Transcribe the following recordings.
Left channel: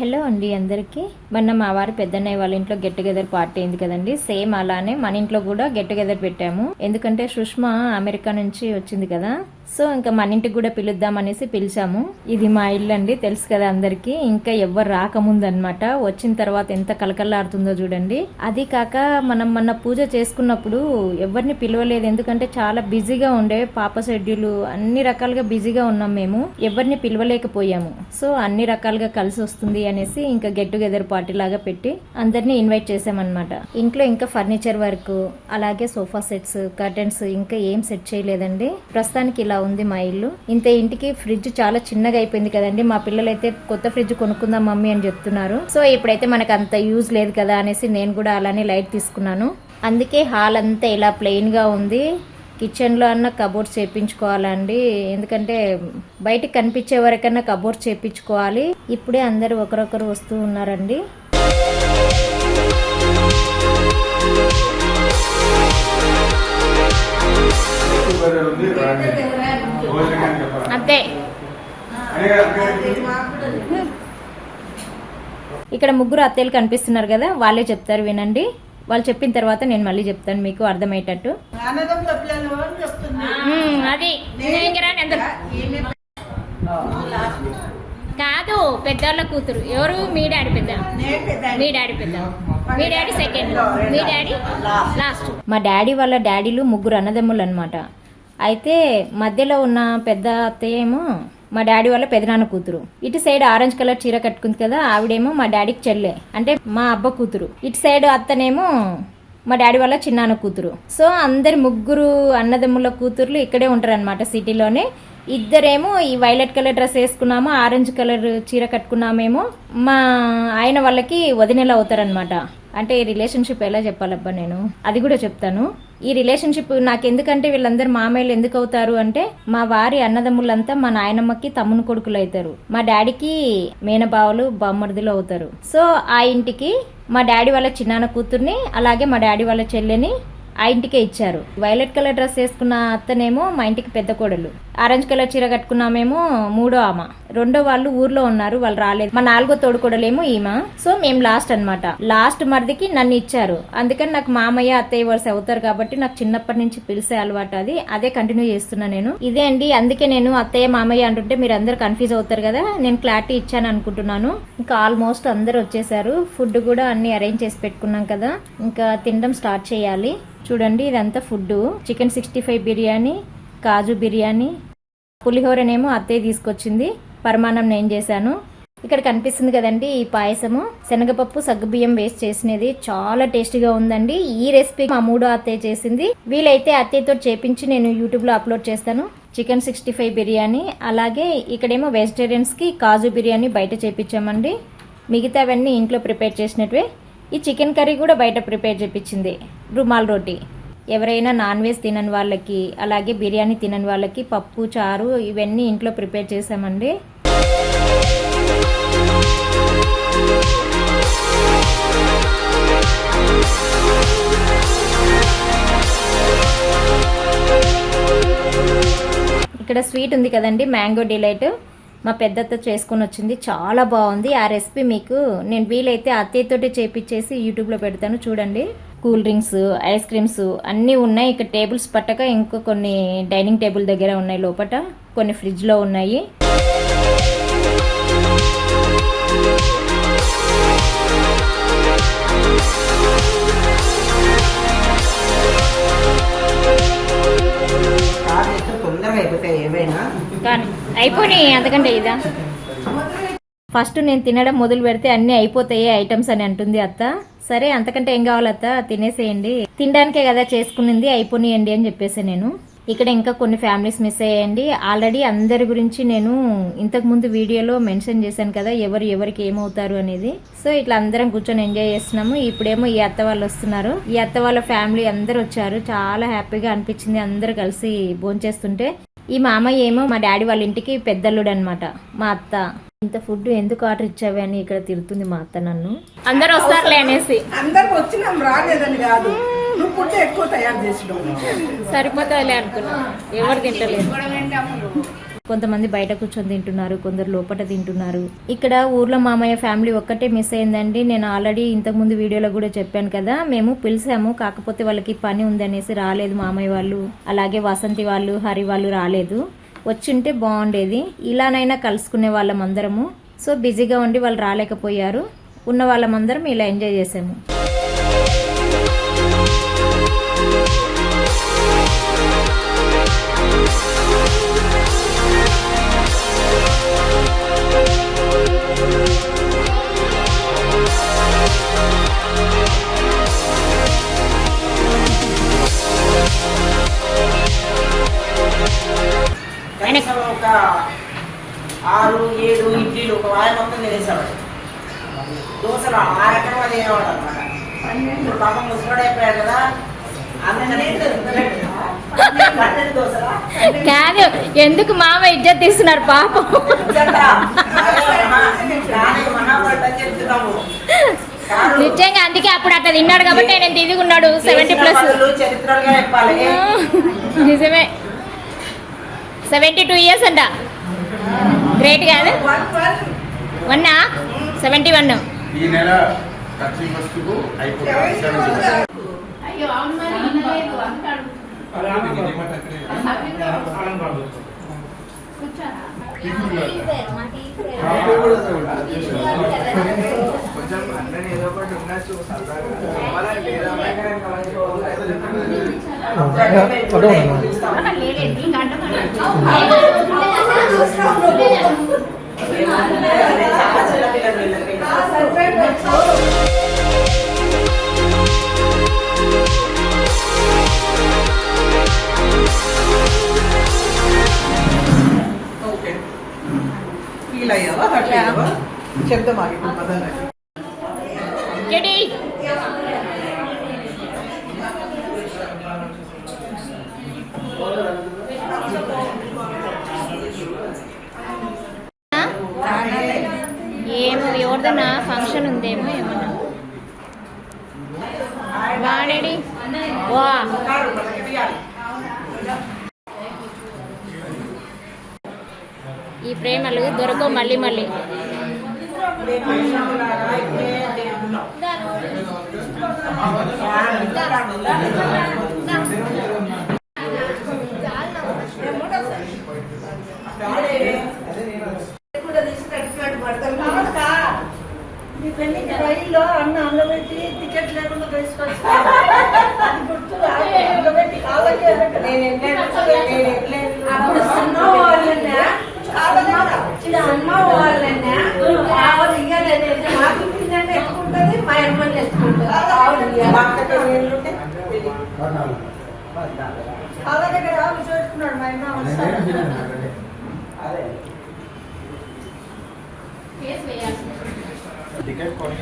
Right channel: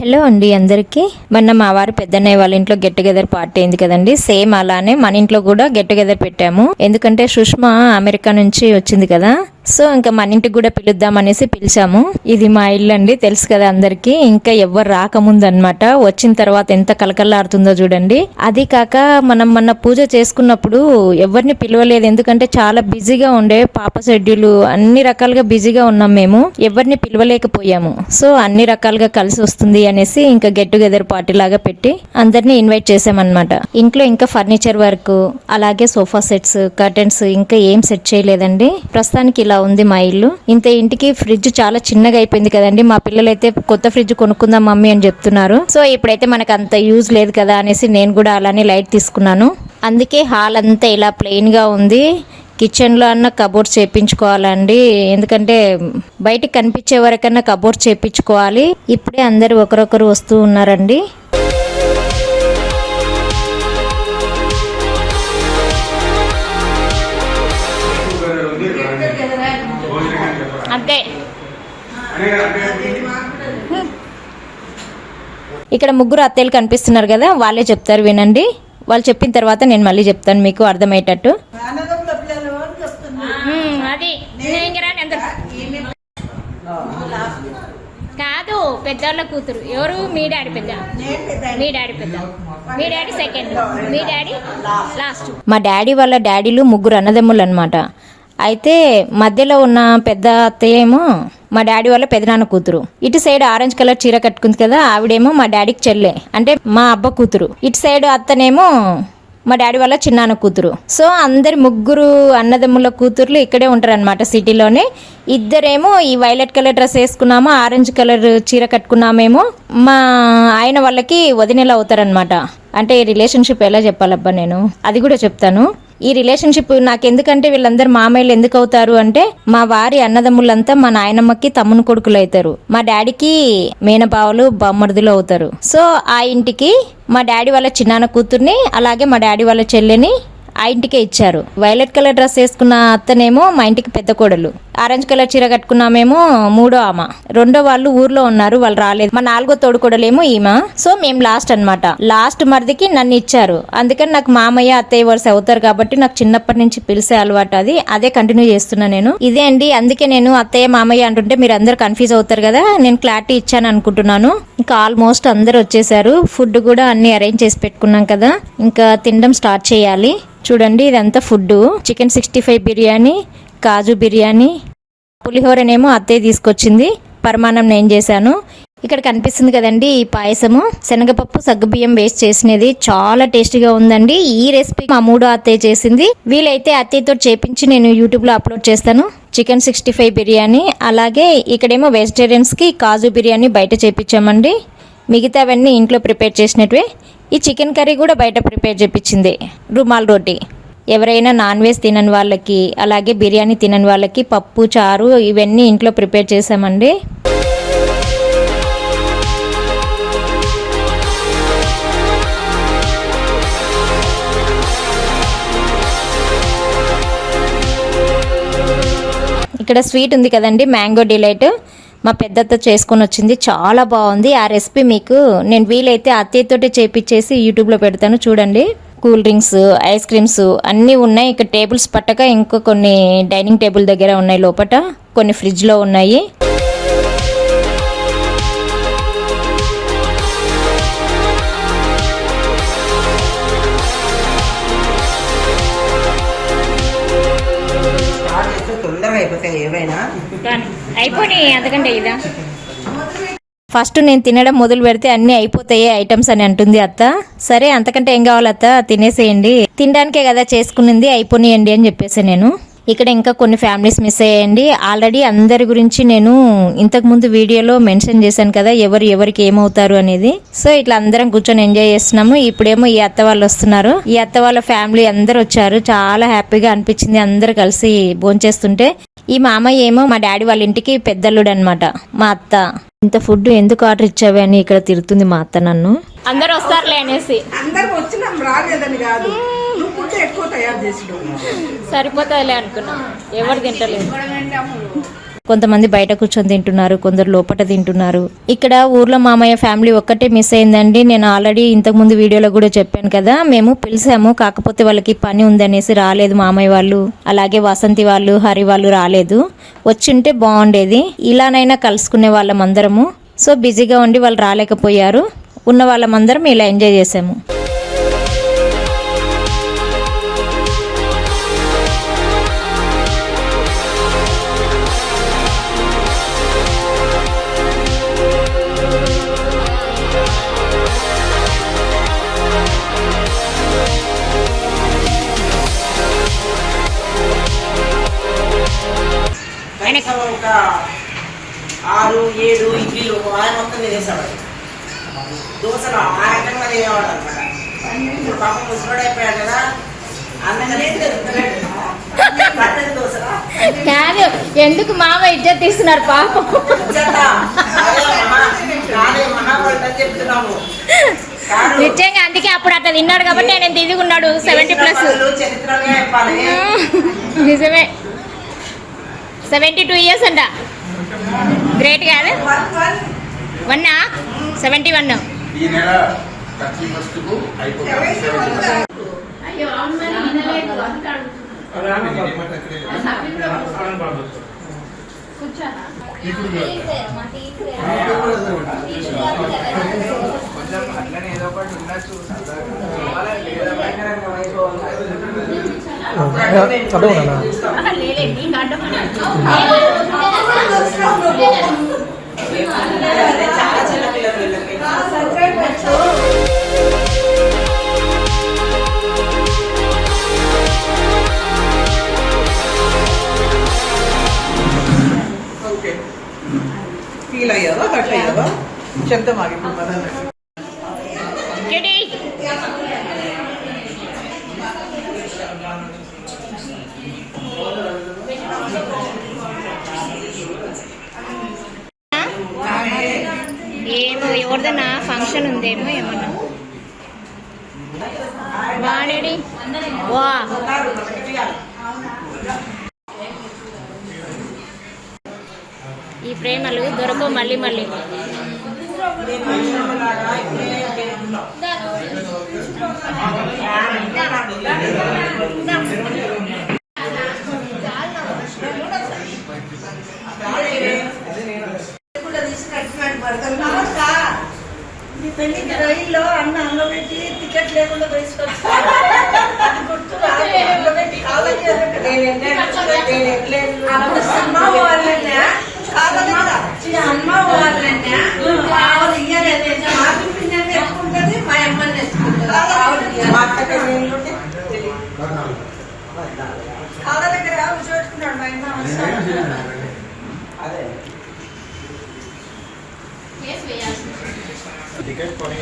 Hello అండి అందరికీ. మొన్న మా వారి పెద్దన్నయ్య వాళ్ళ ఇంట్లో గెట్ టుగెదర్ పార్టీ అయింది కదండి. సేమ్ అలానే మన ఇంట్లో కూడా గెట్ టుగెదర్ పెట్టాము. ఎందుకంటే సుష్మా అమెరికా నుంచి వచ్చింది కదా, సో ఇంకా మన ఇంటికి కూడా పిలుద్దాం అనేసి పిలిచాము. ఇది మా ఇల్లు అండి, తెలుసు కదా అందరికి. ఇంకా ఎవ్వరు రాకముందు అనమాట, వచ్చిన తర్వాత ఎంత కలకల్లాడుతుందో చూడండి. అది కాక మనం మొన్న పూజ చేసుకున్నప్పుడు ఎవరిని పిలవలేదు, ఎందుకంటే చాలా బిజీగా ఉండే, పాప షెడ్యూల్ అన్ని రకాలుగా బిజీగా ఉన్నాం మేము, ఎవరిని పిలవలేకపోయాము. సో అన్ని రకాలుగా కలిసి వస్తుంది అనేసి ఇంకా గెట్ టుగెదర్ పార్టీ లాగా పెట్టి అందరినీ ఇన్వైట్ చేసామన్నమాట. ఇంట్లో ఇంకా ఫర్నిచర్ వర్క్, అలాగే సోఫా సెట్స్, కర్టెన్స్ ఇంకా ఏం సెట్ చేయలేదండి. ప్రస్తుతానికి ఇలా ఉంది మా ఇల్లు. ఇంత ఇంటికి ఫ్రిడ్జ్ చాలా చిన్నగా అయిపోయింది కదండి. మా పిల్లలైతే కొత్త ఫ్రిడ్జ్ కొనుక్కుందాం మమ్మీ అని చెప్తున్నారు. సో ఇప్పుడైతే మనకు అంత యూజ్ లేదు కదా అనేసి నేను కూడా అలానే లైట్ తీసుకున్నాను. అందుకే హాల్ అంతా ఇలా ప్లెయిన్ గా ఉంది. కిచెన్లో అన్న కబోర్డ్స్ చేయించుకోవాలండి, ఎందుకంటే బయటికి కనిపించే వరకన్నా కబోర్డ్స్ చేయించుకోవాలి. ఇప్పుడే అందరు ఒకరొకరు వస్తూ ఉన్నారండి. ఇక్కడ ముగ్గురు అత్తయ్యలు కనిపిస్తున్నారు కదా, వాళ్ళే చెప్తారు వినండి. వాళ్ళు చెప్పిన తర్వాత నేను మళ్ళీ చెప్తాను మీకు అర్థమయ్యేటట్టు. అది కాదు, పెద్దవాళ్ళ కూతురు. ఎవరు? మీ డాడీ పెద్ద, మీ డాడీ పెద్ద, మీ డాడీ సెకండ్, మీ డాడీ లాస్ట్. మా డాడీ వాళ్ళ డాడీలు ముగ్గురు అన్నదమ్ములు అనమాట. అయితే మధ్యలో ఉన్న పెద్ద అత్తయ్య ఏమో మా డాడీ వాళ్ళ పెదనాన్న కూతురు. ఇటు సైడ్ ఆరెంజ్ కలర్ చీర కట్టుకుంది కదా, ఆవిడేమో మా డాడీకి చెల్లె, అంటే మా అబ్బ కూతురు. ఇటు సైడ్ అత్తనేమో మా డాడీ వాళ్ళ చిన్నాన్న కూతురు. సో అందరి ముగ్గురు అన్నదమ్ముల కూతుర్లు ఇక్కడే ఉంటారు అనమాట, సిటీలోనే. ఇద్దరేమో ఈ వైలెట్ కలర్ డ్రెస్ వేసుకున్నామో, ఆరెంజ్ కలర్ చీర కట్టుకున్నామేమో మా ఆయన వాళ్ళకి వదినేలా అవుతారనమాట. అంటే ఈ రిలేషన్షిప్ ఎలా చెప్పాలబ్బా నేను, అది కూడా చెప్తాను. ఈ రిలేషన్షిప్ నాకెందుకంటే వీళ్ళందరూ మామయ్యలు ఎందుకు అవుతారు అంటే, మా వారి అన్నదమ్ములంతా మా నాయనమ్మకి తమ్ముని కొడుకులు అవుతారు, మా డాడీకి మేనబావలు బొమ్మర్దులు అవుతారు. సో ఆ ఇంటికి మా డాడీ వాళ్ళ చిన్నాన్న కూతుర్ని, అలాగే మా డాడీ వాళ్ళ చెల్లెని ఆ ఇంటికే ఇచ్చారు. వైలెట్ కలర్ డ్రెస్ వేసుకున్న అత్తనేమో మా ఇంటికి పెద్ద కోడలు, ఆరెంజ్ కలర్ చీర కట్టుకున్నామేమో మూడో ఆమె, రెండో వాళ్ళు ఊర్లో ఉన్నారు, వాళ్ళు రాలేదు. మా నాలుగో తోడు కోడలేమో ఈమె. సో మేము లాస్ట్ అనమాట. లాస్ట్ మరిదికి నన్ను ఇచ్చారు. అందుకని నాకు మామయ్య అత్తయ్య వరుస అవుతారు కాబట్టి నాకు చిన్నప్పటి నుంచి పిలిచే అలవాటు, అదే కంటిన్యూ చేస్తున్నా నేను. ఇదే అండి, అందుకే నేను అత్తయ్య మామయ్య అంటుంటే మీరు అందరు కన్ఫ్యూజ్ అవుతారు కదా, నేను క్లారిటీ ఇచ్చాను అనుకుంటున్నాను. ఇంకా ఆల్మోస్ట్ అందరు వచ్చేసారు. ఫుడ్ కూడా అన్ని అరేంజ్ చేసి పెట్టుకున్నాం కదా, ఇంకా తినడం స్టార్ట్ చేయాలి. చూడండి ఇదంతా ఫుడ్. చికెన్ 65 బిర్యానీ, కాజు బిర్యానీ, పులిహోరనేమో అత్తయ్య తీసుకొచ్చింది, పరమాన్నం నేను చేశాను. ఇక్కడ కనిపిస్తుంది కదండి ఈ పాయసము, శనగపప్పు సగ్గుబియ్యం వేస్ట్ చేసినది, చాలా టేస్టీగా ఉందండి. ఈ రెసిపీ మా మూడో అత్తయ్య చేసింది. వీలైతే అత్తయ్యతో చేపించి నేను యూట్యూబ్లో అప్లోడ్ చేస్తాను. చికెన్ 65 బిర్యానీ, అలాగే ఇక్కడేమో వెజిటేరియన్స్కి కాజు బిర్యానీ బయట చేపించామండి. మిగతావన్నీ ఇంట్లో ప్రిపేర్ చేసినట్వే. ఈ చికెన్ కర్రీ కూడా బయట ప్రిపేర్ చేపించింది. రుమాల్ రోటీ, ఎవరైనా నాన్ వెజ్ తినని వాళ్ళకి, అలాగే బిర్యానీ తినని వాళ్ళకి పప్పు చారు ఇవన్నీ ఇంట్లో ప్రిపేర్ చేసామండి. ఇక్కడ స్వీట్ ఉంది కదండి, మ్యాంగో డిలైట్, మా పెద్దత్త చేసుకొని వచ్చింది, చాలా బాగుంది. ఆ రెసిపీ మీకు నేను వీలైతే అత్తయ్యతోటి చేపించేసి యూట్యూబ్లో పెడతాను, చూడండి. కూల్ డ్రింక్స్, ఐస్ క్రీమ్స్ అన్నీ ఉన్నాయి. ఇక్కడ టేబుల్స్ పట్టక ఇంకో కొన్ని డైనింగ్ టేబుల్ దగ్గర ఉన్నాయి, లోపల కొన్ని ఫ్రిడ్జ్లో ఉన్నాయి. అయిపోయినాయి అంతకంటే ఇదా. ఫస్ట్ నేను తినడం మొదలు పెడితే అన్ని అయిపోతాయి ఐటమ్స్ అని అంటుంది అత్త. సరే అంతకంటే ఏం కావాలి అత్త, తినేసేయండి, తినడానికే కదా చేసుకునింది, అయిపోయినాయండి అని చెప్పేసి నేను. ఇక్కడ ఇంకా కొన్ని ఫ్యామిలీస్ మిస్ అయ్యాయండి. ఆల్రెడీ అందరి గురించి నేను ఇంతకు ముందు వీడియోలో మెన్షన్ చేశాను కదా, ఎవరికి ఏమవుతారు అనేది. సో ఇట్లా అందరం కూర్చొని ఎంజాయ్ చేస్తున్నాము. ఇప్పుడేమో ఈ అత్త వాళ్ళు వస్తున్నారు. ఈ అత్త వాళ్ళ ఫ్యామిలీ అందరు వచ్చారు, చాలా హ్యాపీగా అనిపించింది అందరు కలిసి భోంచేస్తుంటే. ఈ మామయ్య ఏమో మా డాడీ వాళ్ళ ఇంటికి పెద్దల్లుడు అనమాట. మా అత్త ఇంత ఫుడ్ ఎందుకు ఆర్డర్ ఇచ్చావే అని ఇక్కడ తిరుగుతుంది మా అత్త నన్ను. అందరు వస్తారులే అనేసి, అందరు వచ్చినాం రాలేదని కాదు, ఫుడ్ ఎక్కువ తయారు చేసినాం, సరిపోతాయిలే అనుకున్నా, ఎవరు తింటలేదు. కొంతమంది బయట కూర్చొని తింటున్నారు, కొందరు లోపల తింటున్నారు. ఇక్కడ ఊర్లో మామయ్య ఫ్యామిలీ ఒక్కటే మిస్ అయిందండి. నేను ఆల్రెడీ ఇంతకుముందు వీడియోలో కూడా చెప్పాను కదా, మేము పిలిచాము, కాకపోతే వాళ్ళకి పని ఉందనేసి రాలేదు మామయ్య వాళ్ళు. అలాగే వసంతి వాళ్ళు, హరి వాళ్ళు రాలేదు. వచ్చింటే బాగుండేది, ఇలానైనా కలుసుకునే వాళ్ళం అందరము. సో బిజీగా ఉండి వాళ్ళు రాలేకపోయారు. ఉన్న వాళ్ళమందరం ఇలా ఎంజాయ్ చేసాము. ఒక 6-7 ఇడ్లీలు ఒక వారం మొత్తం తినేసేవాడు. దోశలు ఆ రకంగా తినేవాడు అనమాట. ఇప్పుడు పాపం ముసలోడైపోయాడు కదా, అందుకనే కాదు, ఎందుకు మామ ఇజ్జత్ తీస్తున్నారు పాపం. చెప్తున్నాము నిజంగా, అందుకే అప్పుడు అట్లా తిన్నాడు కాబట్టి ఆయన తిరుగున్నాడు 70+. చరిత్రగా చెప్పాలి. నిజమే, 72 years అంట. గ్రేట్ కాదు, 71. ఈ నెల 31st అయిపోతుంది. కొంచెం అందరూ ఏదో ఒకటి ఉండొచ్చు. ఫీల్ అయ్యావా, హర్ట్ అయ్యావా? చెప్తాం ఆగి ఇప్పుడు మదన్. ఏమో ఎవరిదన్నా ఫంక్షన్ ఉందేమో ఏమన్నా. వాడేడి వా ఈ ప్రేమలు దొరకవు మళ్ళీ మళ్ళీ. రైల్లో అన్న అందులో పెట్టి టికెట్ లేకుండా తీసుకొచ్చి అమ్మ వాళ్ళన్నా ఆవిడ ఇయ్యలేదు, మాకు పిల్లలు ఎత్తుకుంటుంది, మా అమ్మని ఎత్తుకుంటుంది. కాళ్ళ దగ్గర కూర్చోబెట్టుకున్నాడు మా అమ్మ. టికెట్ కొని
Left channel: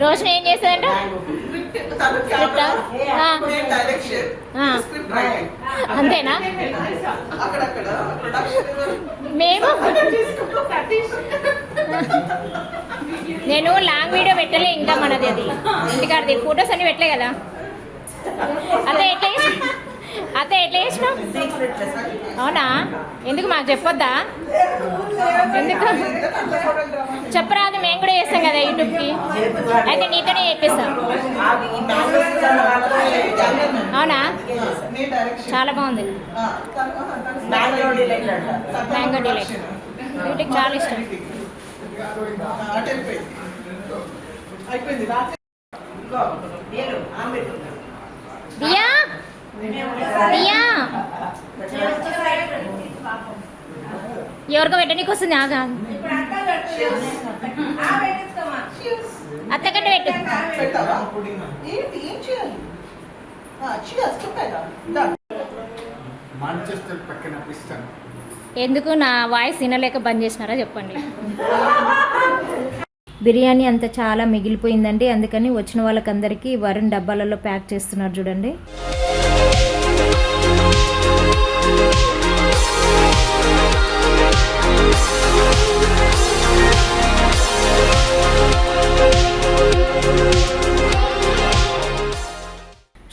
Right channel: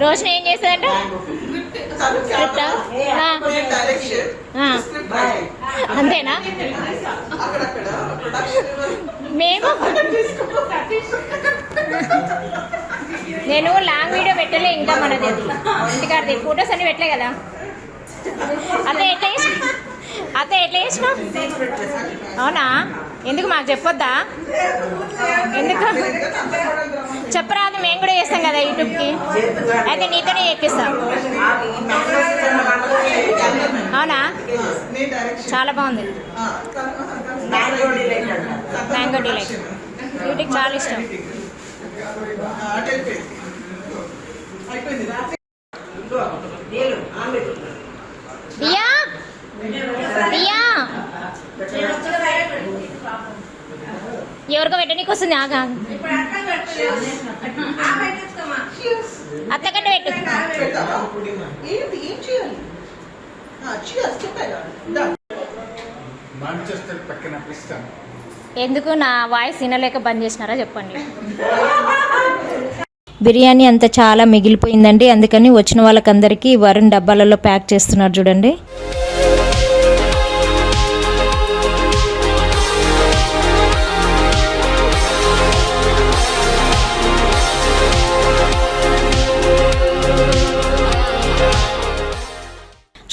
రోజున ఏం చేశాడంట? అంతేనా? మేము నేను లాంగ్ వీడియో పెట్టలే ఇంకా, మనది అది ఇంటికాడది ఫొటోస్ అన్ని పెట్టలే కదా. అదే ఎట్లా చేసినావు? అవునా? ఎందుకు మాకు చెప్పొద్దా? ఎందుకు చెప్పరాదు, మేము కూడా చేస్తాం కదా యూట్యూబ్కి. అయితే నీతోనే చేపిస్తాం. అవునా? చాలా బాగుంది. మ్యాంగో డిలైట్ వీటికి చాలా ఇష్టం. దియా దియా ఎవరికో పెట్టనీకి వస్తుంది. ఆగా అత్తకంటే పెట్టు. ఎందుకు నా వాయిస్ వినలేక బంద్ చేసినారా చెప్పండి. బిర్యానీ అంతా చాలా మిగిలిపోయిందండి, అందుకని వచ్చిన వాళ్ళకందరికీ వరుణ్ డబ్బాలలో ప్యాక్ చేస్తున్నారు చూడండి.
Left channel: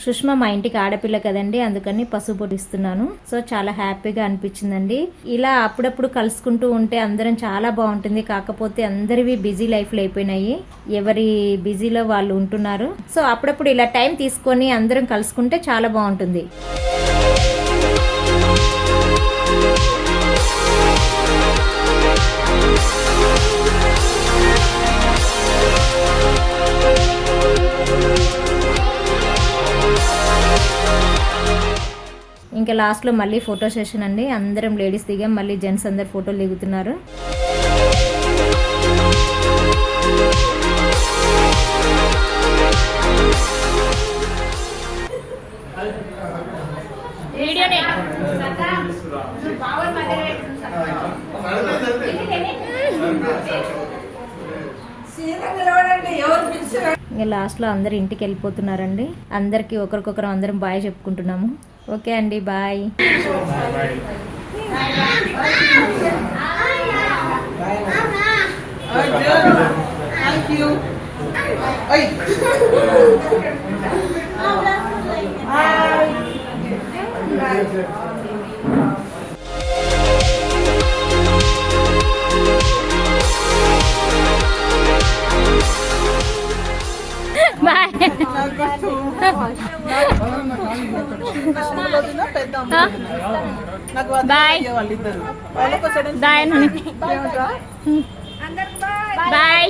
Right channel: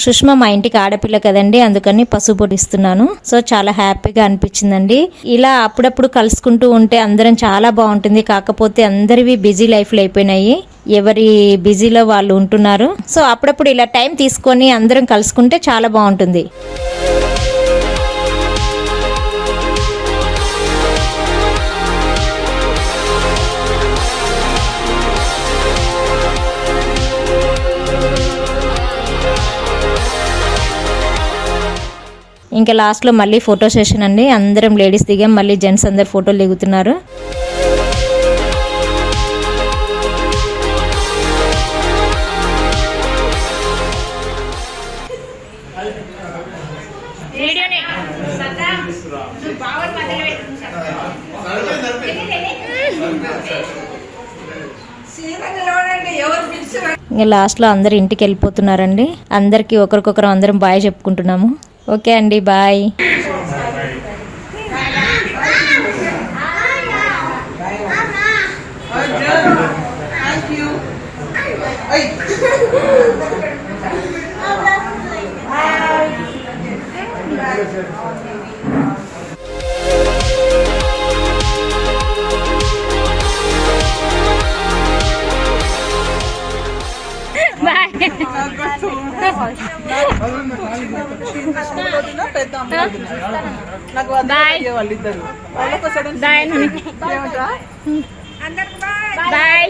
సుష్మా మా ఇంటికి ఆడపిల్ల కదండి, అందుకని పసుపు పొడిస్తున్నాను. సో చాలా హ్యాపీగా అనిపించిందండి. ఇలా అప్పుడప్పుడు కలుసుకుంటూ ఉంటే అందరం చాలా బాగుంటుంది. కాకపోతే అందరివి బిజీ లైఫ్లు అయిపోయినాయి, ఎవరి బిజీలో వాళ్ళు ఉంటున్నారు. సో అప్పుడప్పుడు ఇలా టైం తీసుకొని అందరం కలుసుకుంటే చాలా బాగుంటుంది. ఇంకా లాస్ట్లో మళ్ళీ ఫోటో సెషన్ అండి. అందరం లేడీస్ దిగాం, మళ్ళీ జెంట్స్ అందరు ఫోటోలు దిగుతున్నారు. ఇంకా లాస్ట్లో అందరు ఇంటికి వెళ్ళిపోతున్నారండి. అందరికీ ఒకరికొకరు అందరం బాయ్ చెప్పుకుంటున్నాము. ఓకే అండి, బాయ్. Bye bye bye.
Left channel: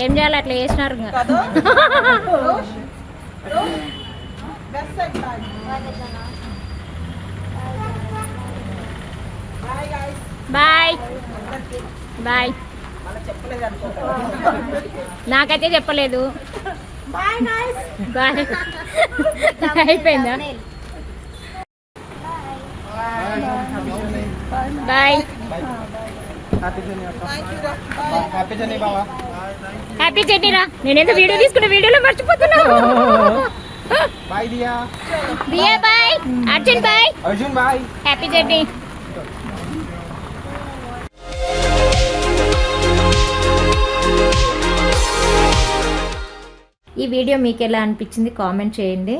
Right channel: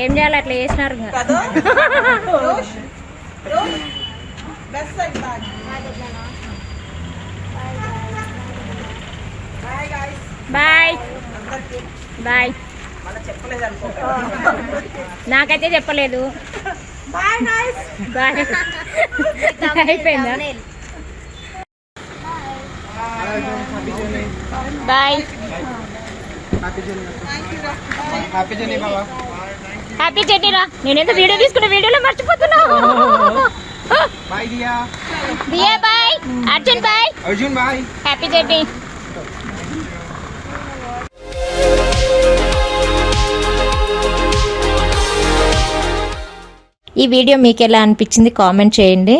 ఏం చేయాలి, అట్లా చేసినారు. Bye bye. నాకైతే చెప్పలేదు. బాయ్. అయిపోయిందా? బాయ్. హ్యాపీ జర్నీ రా. నేనేదో వీడియో తీసుకున్న, వీడియోలో మర్చిపోతున్నా. Diya bye, Arjun bye, happy journey. ఈ వీడియో మీకు ఎలా అనిపించింది కామెంట్ చేయండి.